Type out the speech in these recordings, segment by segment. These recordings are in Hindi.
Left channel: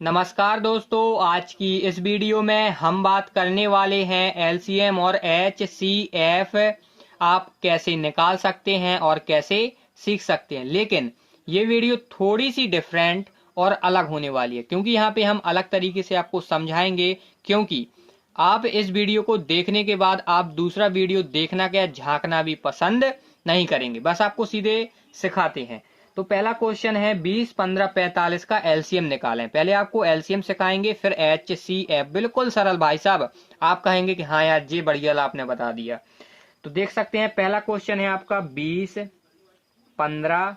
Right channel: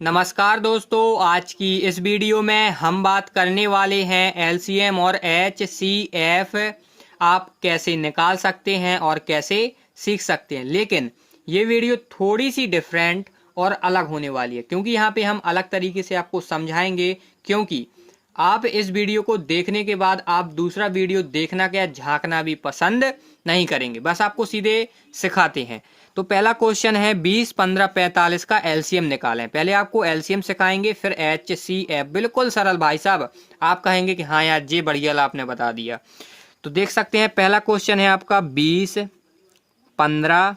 नमस्कार दोस्तों, आज की इस वीडियो में हम बात करने वाले हैं एलसीएम और एचसीएफ आप कैसे निकाल सकते हैं और कैसे सीख सकते हैं। लेकिन ये वीडियो थोड़ी सी डिफरेंट और अलग होने वाली है, क्योंकि यहाँ पे हम अलग तरीके से आपको समझाएंगे। क्योंकि आप इस वीडियो को देखने के बाद आप दूसरा वीडियो देखना क्या झांकना भी पसंद नहीं करेंगे, बस आपको सीधे सिखाते हैं। तो पहला क्वेश्चन है 20, 15, 45 का एलसीएम निकालें। पहले आपको एलसीएम सिखाएंगे, फिर एचसीएफ। बिल्कुल सरल भाई साहब, आप कहेंगे कि हाँ यार जी बढ़िया आपने बता दिया। तो देख सकते हैं पहला क्वेश्चन है आपका 20, 15,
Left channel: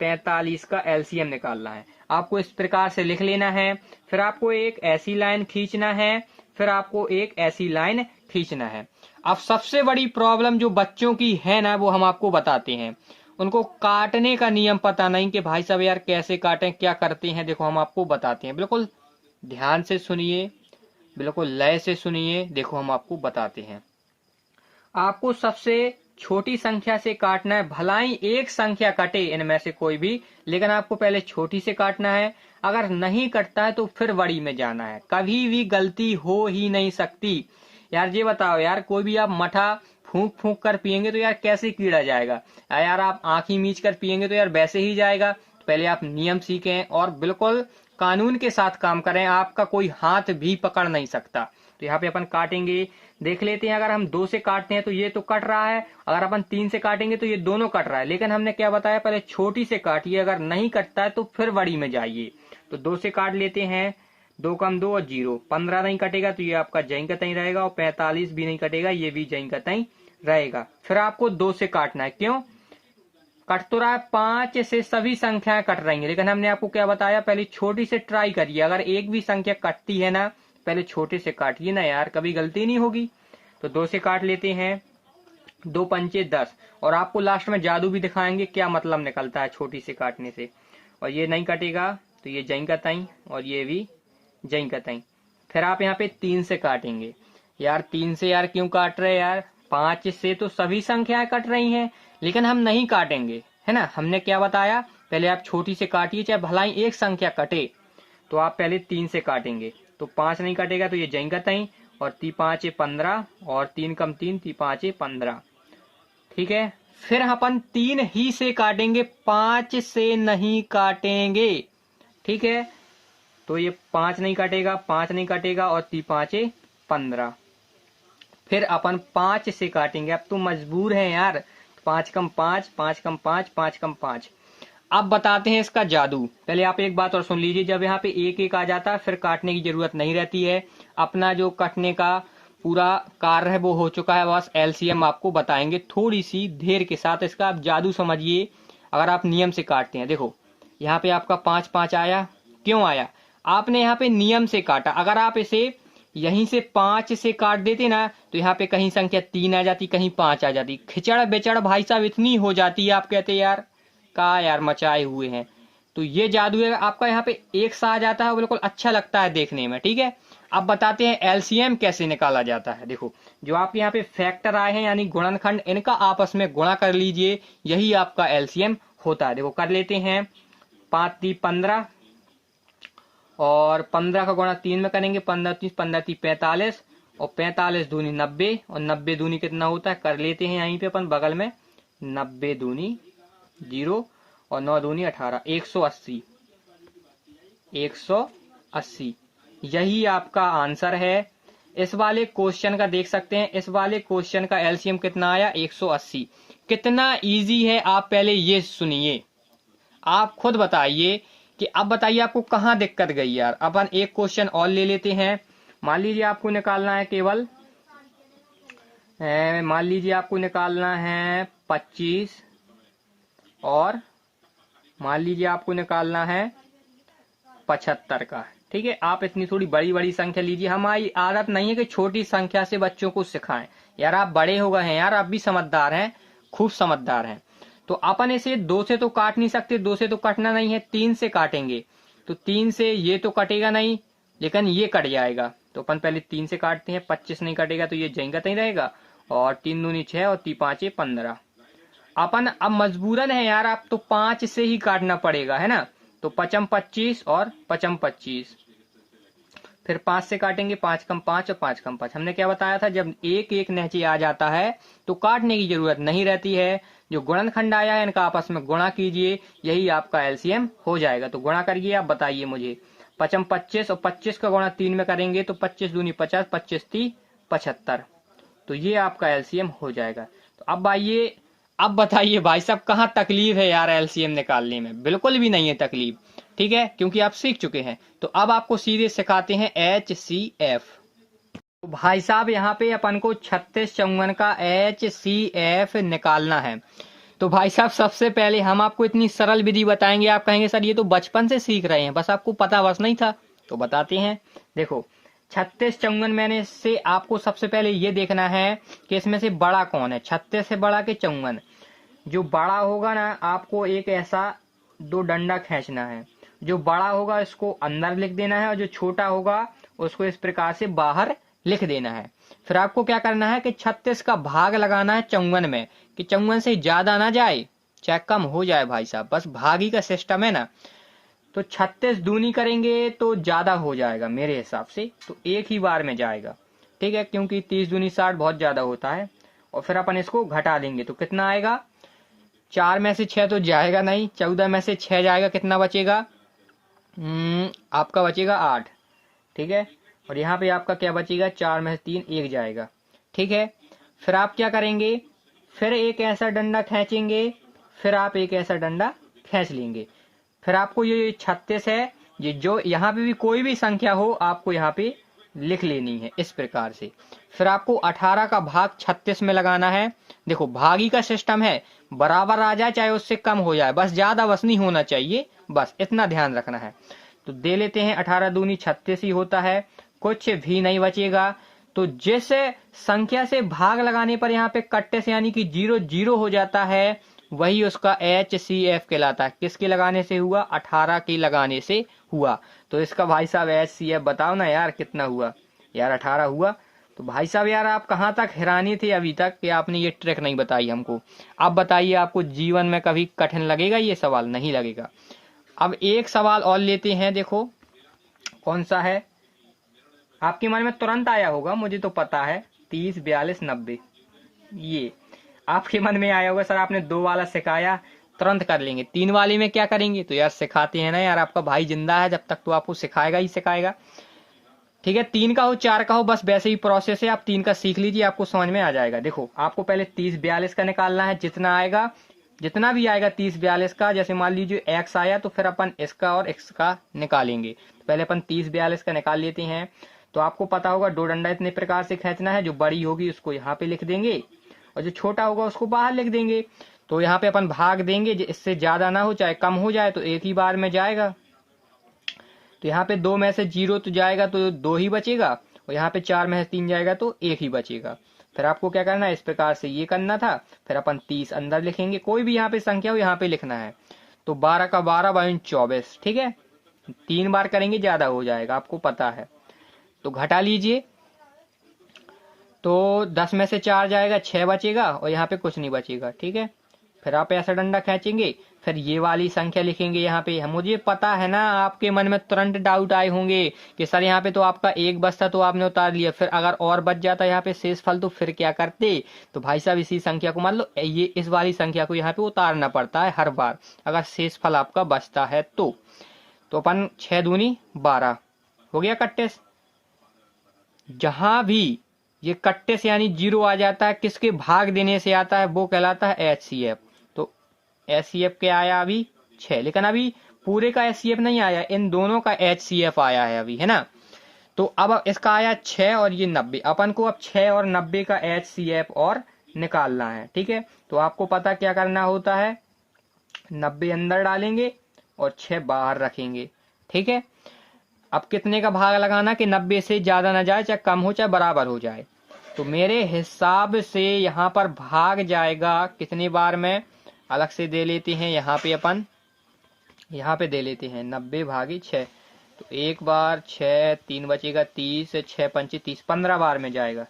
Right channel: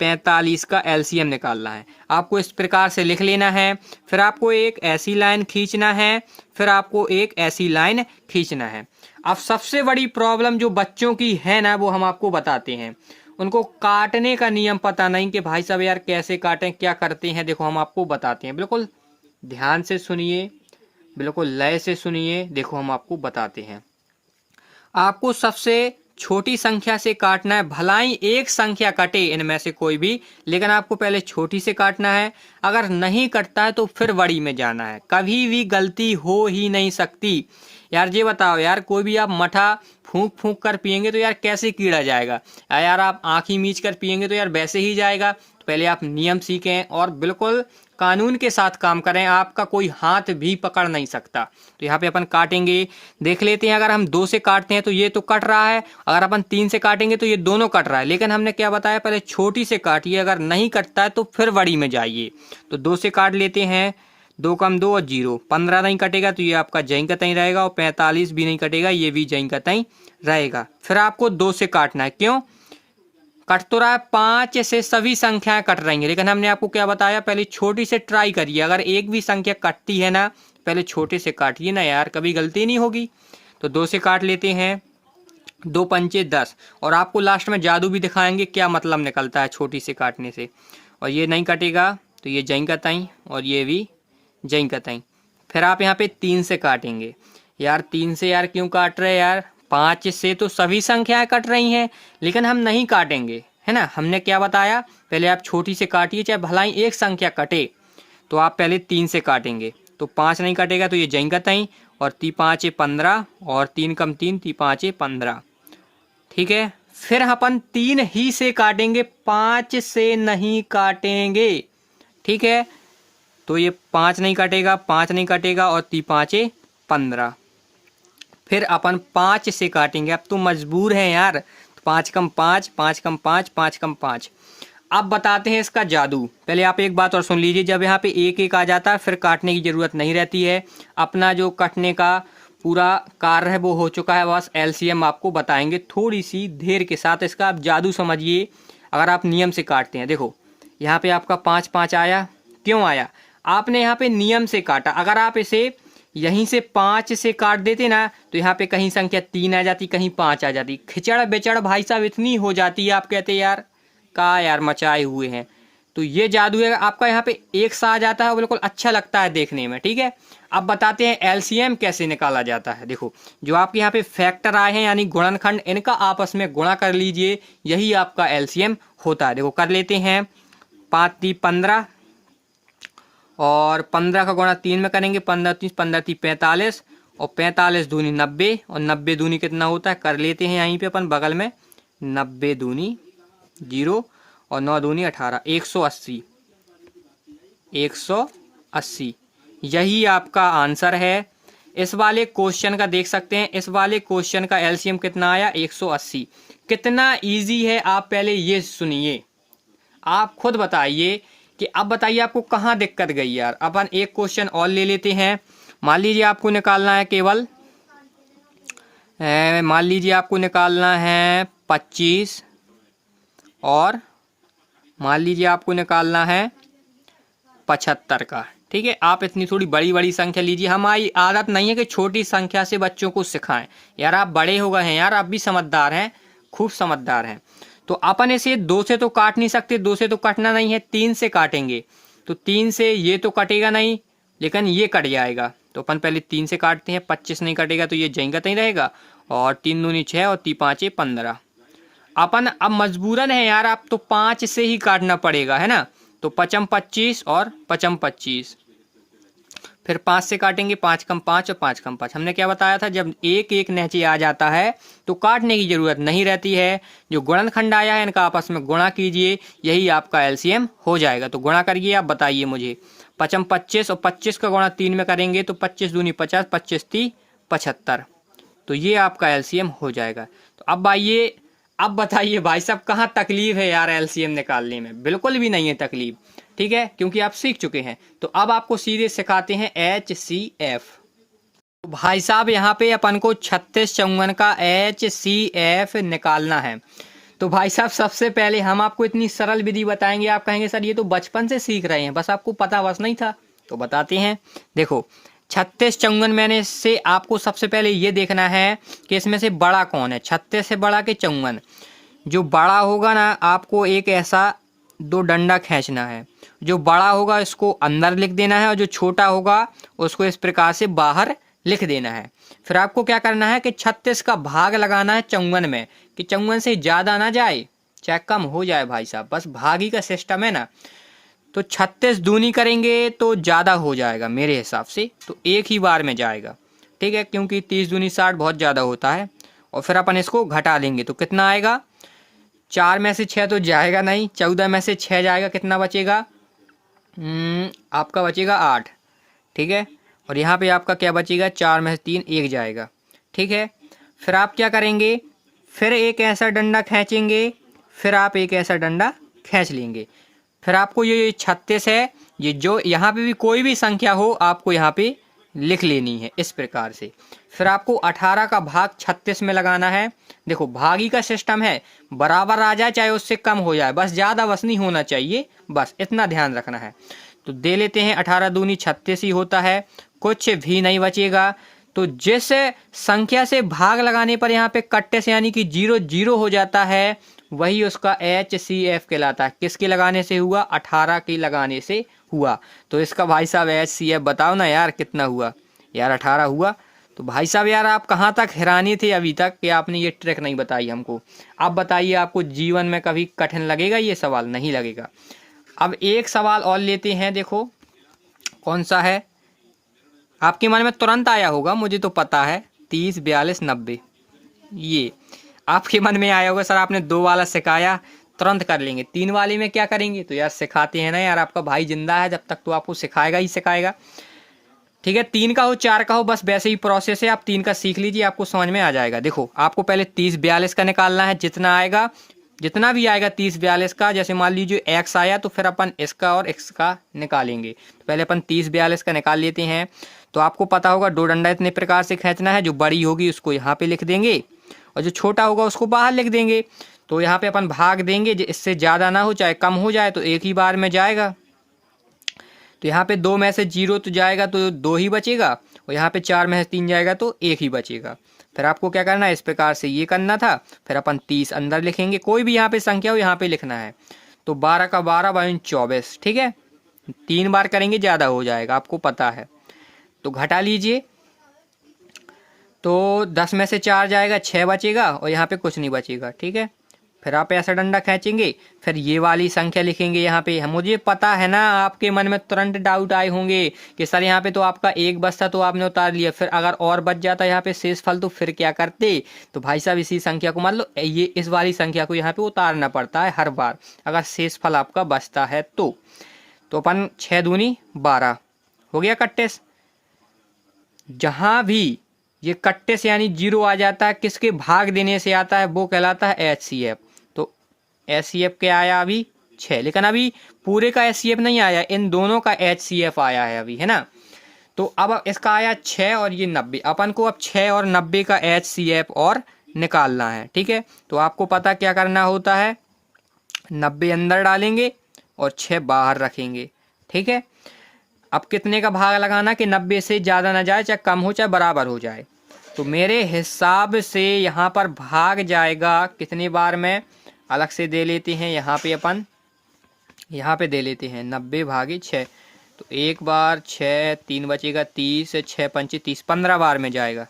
45 का एलसीएम निकालना है। आपको इस प्रकार से लिख लेना है, फिर आपको एक ऐसी लाइन खींचना है, फिर आपको एक ऐसी लाइन खींचना है। अब सबसे बड़ी प्रॉब्लम जो बच्चों की है ना, वो हम आपको बताते हैं। उनको काटने का नियम पता नहीं कि भाई साहब यार कैसे काटें, क्या करते हैं। देखो हम आपको बताते हैं, बिल्कुल ध्यान से सुनिए, बिल्कुल लय से सुनिए। देखो हम आपको बताते हैं। आपको सबसे छोटी संख्या से काटना है, भलाई एक संख्या कटे इनमें से कोई भी, लेकिन आपको पहले छोटी से काटना है। अगर नहीं कटता है तो फिर बड़ी में जाना है। कभी भी गलती हो ही नहीं सकती। यार ये बताओ यार, कोई भी आप मठा फूंक फूंक कर पियेंगे तो यार कैसे कीड़ा जाएगा। यार आप आंखी मीच कर पियेंगे तो यार वैसे ही जाएगा। तो पहले आप नियम सीखें और बिल्कुल कानून के साथ काम करें। आपका कोई हाथ भी पकड़ नहीं सकता। तो यहाँ पे अपन काटेंगे, देख लेते हैं। अगर हम 2 से काटते हैं तो ये तो कट रहा है, अगर अपन 3 से काटेंगे तो ये दोनों कट रहा है। लेकिन हमने क्या बताया, पहले छोटी से काटिए, अगर नहीं कटता है तो फिर बड़ी में जाइए। तो 2 से काट लेते हैं, 2 कम 2 और 0, 15 नहीं कटेगा तो ये आपका जहीं का तहीं रहेगा, और 45 भी नहीं कटेगा, ये भी जहीं का तहीं रहेगा। फिर आपको 2 से काटना है, क्यों कट तो रहा है, 5 से सभी संख्याएं कट रही हैं। लेकिन हमने आपको क्या बताया, पहले छोटी से ट्राई करिए। अगर एक भी संख्या कटती है ना, पहले छोटे से काटिए ना यार, कभी गलती नहीं होगी। तो 2 से काट लेते हैं, 2 पंचे 10। और आपको लास्ट में जादू भी दिखाएंगे क्या मतलब निकलता है छोटी से काटने से। और ये नहीं कटेगा तो ये जहीं का तहीं, और ये भी जहीं का तहीं। फिर आप यहाँ पे 3 से काटेंगे। यार 3 से यार क्यों काट रहे यार, 5 से तो सभी संख्याएं कट रही हैं, लेकिन हम नहीं काटेंगे, है ना। हमने क्या बताया, पहले आप छोटी से काटिए, चाहे भलाई एक संख्या कटे। तो आप पहले 3 से काटेंगे, तो 5 नहीं कटेगा तो ये जहीं का तहीं, और 3 5 15, और 3 कम 3, 3 5 15। ठीक है, फिर अपन 3 ही से काटेंगे, 5 से नहीं काटेंगे। ठीक है, तो ये 5 नहीं कटेगा, 5 नहीं कटेगा, और 3 5 15। फिर अपन 5 से काटेंगे। अब तो मजबूर है यार, 5 कम 5, 5 कम 5, 5 कम 5। अब बताते हैं इसका जादू। पहले आप एक बात और सुन लीजिए, जब यहाँ पे एक एक आ जाता है फिर काटने की जरूरत नहीं रहती है। अपना जो कटने का पूरा कार्य है वो हो चुका है, बस एलसीएम आपको बताएंगे थोड़ी सी देर के साथ। इसका आप जादू समझिए। अगर आप नियम से काटते हैं, देखो यहाँ पे आपका 5 5 आया, क्यों आया, आपने यहाँ पे नियम से काटा। अगर आप इसे यहीं से 5 से काट देते ना, तो यहाँ पे कहीं संख्या 3 आ जाती, कहीं 5 आ जाती, खिचड़ बेचड़ भाई साहब इतनी हो जाती है। आप कहते यार का यार मचाए हुए हैं। तो ये जादू है आपका, यहाँ पे एक सा आ जाता है, बिल्कुल अच्छा लगता है देखने में। ठीक है, अब बताते हैं एलसीएम कैसे निकाला जाता है। देखो जो आपके यहाँ पे फैक्टर आए हैं यानी गुणनखंड, इनका आपस में गुणा कर लीजिए, यही आपका एलसीएम होता है। देखो कर लेते हैं, 5 3 15, और 15 का गुणा 3 में करेंगे, 15 30, 15 30 45, और 45 दूनी 90, और 90 दूनी कितना होता है, कर लेते हैं यहीं पे अपन बगल में, 90 दूनी 0, और 9 दूनी 18, 180। 180 यही आपका आंसर है। इस वाले क्वेश्चन का देख सकते हैं, इस वाले क्वेश्चन का एलसीएम कितना आया, 180। कितना इजी है, आप पहले ये सुनिए, आप खुद बताइए कि अब बताइए आपको कहाँ दिक्कत गई यार। अपन एक क्वेश्चन और ले लेते हैं। मान लीजिए आपको निकालना है केवल, मान लीजिए आपको निकालना है 25, और मान लीजिए आपको निकालना है 75 का। ठीक है, आप इतनी थोड़ी बड़ी बड़ी संख्या लीजिए। हमारी आदत नहीं है कि छोटी संख्या से बच्चों को सिखाएं। यार आप बड़े हो गए हैं यार, आप भी समझदार हैं, खूब समझदार हैं। तो अपन इसे 2 से तो काट नहीं सकते, 2 से तो कटना नहीं है, 3 से काटेंगे। तो 3 से ये तो कटेगा नहीं, लेकिन ये कट जाएगा। तो अपन पहले 3 से काटते हैं, 25 नहीं कटेगा तो ये जहीं का तहीं रहेगा, और 3 दूनी 6, और 3 5 15। अपन अब मजबूरन है यार, आप तो 5 से ही काटना पड़ेगा, है ना। तो 5 25 और 5 25, फिर 5 से काटेंगे, 5 कम 5 और 5 कम 5। हमने क्या बताया था, जब एक एक नीचे आ जाता है तो काटने की जरूरत नहीं रहती है। जो गुणनखंड आया है इनका आपस में गुणा कीजिए, यही आपका एलसीएम हो जाएगा। तो गुणा करिए, आप बताइए मुझे। 5 25 और 25 का गुणा 3 में करेंगे तो 25 दूनी 50, 25 3 75। तो ये आपका एलसीएम हो जाएगा। तो अब आइए, अब बताइए भाई साहब कहाँ तकलीफ है यार एलसीएम निकालने में? बिल्कुल भी नहीं है तकलीफ, ठीक है, क्योंकि आप सीख चुके हैं। तो अब आपको सीधे सिखाते हैं HCF। तो भाई साहब यहाँ पे अपन को 36 54 का HCF निकालना है। तो भाई साहब सबसे पहले हम आपको इतनी सरल विधि बताएंगे, आप कहेंगे सर ये तो बचपन से सीख रहे हैं, बस आपको पता बस नहीं था। तो बताते हैं, देखो 36 54 मैंने से आपको सबसे पहले ये देखना है कि इसमें से बड़ा कौन है, 36 से बड़ा कि 54। जो बड़ा होगा ना, आपको एक ऐसा दो डंडा खींचना है, जो बड़ा होगा इसको अंदर लिख देना है और जो छोटा होगा उसको इस प्रकार से बाहर लिख देना है। फिर आपको क्या करना है कि 36 का भाग लगाना है 54 में, कि 54 से ज़्यादा ना जाए चाहे कम हो जाए भाई साहब, बस भागी का सिस्टम है ना। तो 36 दूनी करेंगे तो ज़्यादा हो जाएगा मेरे हिसाब से, तो एक ही बार में जाएगा, ठीक है, क्योंकि 30 दूनी 60 बहुत ज़्यादा होता है। और फिर अपन इसको घटा लेंगे तो कितना आएगा, 4 में से 6 तो जाएगा नहीं, 14 में से 6 जाएगा, कितना बचेगा, आपका बचेगा 8, ठीक है। और यहाँ पे आपका क्या बचेगा, 4 में से 3 1 जाएगा, ठीक है। फिर आप क्या करेंगे, फिर एक ऐसा डंडा खींचेंगे, फिर आप एक ऐसा डंडा खींच लेंगे। फिर आपको ये 36 है, ये जो यहाँ पे भी कोई भी संख्या हो आपको यहाँ पे लिख लेनी है इस प्रकार से। फिर आपको 18 का भाग 36 में लगाना है। देखो भागी का सिस्टम है, बराबर आ जाए चाहे उससे कम हो जाए, बस ज़्यादा बस नहीं होना चाहिए, बस इतना ध्यान रखना है। तो दे लेते हैं, 18 दूनी 36 ही होता है, कुछ भी नहीं बचेगा। तो जिस संख्या से भाग लगाने पर यहाँ पे कट्टे से यानी कि 0 0 हो जाता है, वही उसका HCF कहलाता है। किसके लगाने से हुआ, 18 के लगाने से हुआ। तो इसका भाई साहब HCF बताओ ना यार कितना हुआ, यार 18 हुआ। तो भाई साहब यार आप कहाँ तक हैरानी थे अभी तक कि आपने ये ट्रिक नहीं बताई हमको। अब बताइए, आपको जीवन में कभी कठिन लगेगा ये सवाल? नहीं लगेगा। अब एक सवाल और लेते हैं, देखो कौन सा है, आपके मन में तुरंत आया होगा, मुझे तो पता है, 30 42 90, ये आपके मन में आया होगा सर आपने 2 वाला सिखाया तुरंत कर लेंगे, 3 वाले में क्या करेंगे? तो यार सिखाते हैं ना यार, आपका भाई जिंदा है जब तक तो आपको सिखाएगा ही सिखाएगा, ठीक है। 3 का हो 4 का हो, बस वैसे ही प्रोसेस है, आप 3 का सीख लीजिए, आपको समझ में आ जाएगा। देखो आपको पहले 30 42 का निकालना है, जितना आएगा, जितना भी आएगा 30 42 का, जैसे मान लीजिए x आया तो फिर अपन इसका और x का निकालेंगे। तो पहले अपन 30 42 का निकाल लेते हैं। तो आपको पता होगा दो डंडा इतने प्रकार से खींचना है, जो बड़ी होगी उसको यहाँ पे लिख देंगे और जो छोटा होगा उसको बाहर लिख देंगे। तो यहाँ पे अपन भाग देंगे, इससे ज़्यादा ना हो चाहे कम हो जाए, तो एक ही बार में जाएगा। तो यहाँ पे 2 में से 0 तो जाएगा तो 2 ही बचेगा, और यहाँ पे 4 में से 3 जाएगा तो 1 ही बचेगा। फिर आपको क्या करना है, इस प्रकार से ये करना था। फिर अपन 30 अंदर लिखेंगे, कोई भी यहाँ पे संख्या हो यहाँ पे लिखना है। तो 12 का 12 बाई 24, ठीक है, 3 बार करेंगे ज़्यादा हो जाएगा, आपको पता है। तो घटा लीजिए, तो 10 में से 4 जाएगा, 6 बचेगा और यहाँ पे कुछ नहीं बचेगा, ठीक है। फिर आप ऐसा डंडा खींचेंगे, फिर ये वाली संख्या लिखेंगे यहाँ पे। मुझे पता है ना आपके मन में तुरंत डाउट आए होंगे कि सर यहाँ पे तो आपका एक बचता तो आपने उतार लिया, फिर अगर और बच जाता यहाँ पे शेष फल तो फिर क्या करते? तो भाई साहब इसी संख्या को मान लो, ये इस वाली संख्या को यहाँ पे उतारना पड़ता है हर बार अगर शेष फल आपका बचता है तो। अपन 6 दूनी 12 हो गया कट्टे से। जहाँ भी ये कट्टे से यानी 0 आ जाता है, किसके भाग देने से आता है, वो कहलाता है HCF। तो HCF क्या आया अभी 6, लेकिन अभी पूरे का HCF नहीं आया, इन दोनों का HCF आया है अभी, है ना। तो अब इसका आया 6 और ये 90, अपन को अब 6 और 90 का HCF और निकालना है, ठीक है। तो आपको पता क्या करना होता है, 90 अंदर डालेंगे और 6 बाहर रखेंगे, ठीक है। अब कितने का भाग लगाना कि 90 से ज़्यादा ना जाए, चाहे कम हो चाहे बराबर हो जाए। तो मेरे हिसाब से यहाँ पर भाग जाएगा कितने बार में, अलग से दे लेते हैं, यहाँ पे अपन यहाँ पे दे लेते हैं 90 भागे 6। तो एक बार 6, 3 बचेगा 30, 6 पंचे 30, 15 बार में जाएगा,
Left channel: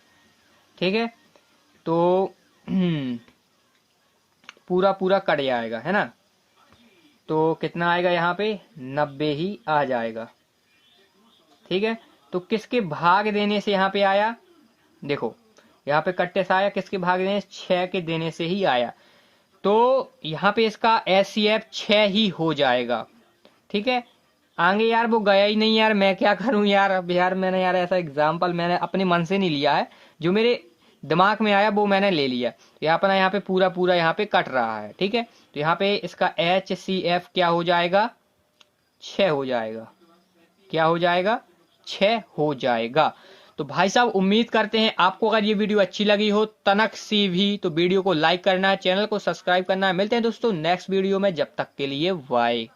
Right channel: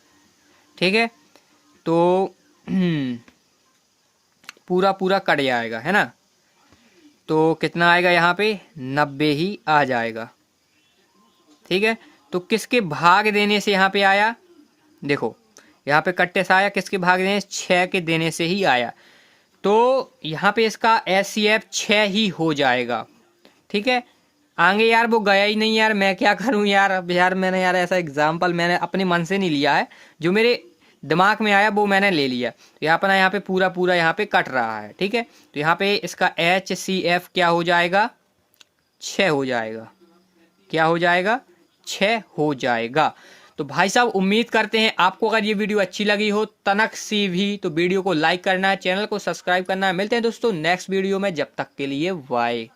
ठीक है। तो पूरा पूरा कट जाएगा, है ना। तो कितना आएगा यहाँ पे 90 ही आ जाएगा। ठीक है, तो किसके भाग देने से यहाँ पे आया, देखो यहाँ पे कट्टे से आया, किसके भाग देने, 6 के देने से ही आया। तो यहाँ पे इसका HCF 6 ही हो जाएगा। ठीक है, आगे यार वो गया ही नहीं यार, मैं क्या करूं यार। अब यार मैंने यार ऐसा एग्जाम्पल मैंने अपने मन से नहीं लिया है, जो मेरे दिमाग में आया वो मैंने ले लिया। तो यहाँ पर यहाँ पे पूरा पूरा यहाँ पे कट रहा है। ठीक है, तो यहाँ पे इसका HCF क्या हो जाएगा, 6 हो जाएगा। क्या हो जाएगा, 6 हो जाएगा। तो भाई साहब उम्मीद करते हैं आपको अगर ये वीडियो अच्छी लगी हो तनक सी भी, तो वीडियो को लाइक करना है, चैनल को सब्सक्राइब करना है। मिलते हैं दोस्तों नेक्स्ट वीडियो में, जब तक के लिए बाय।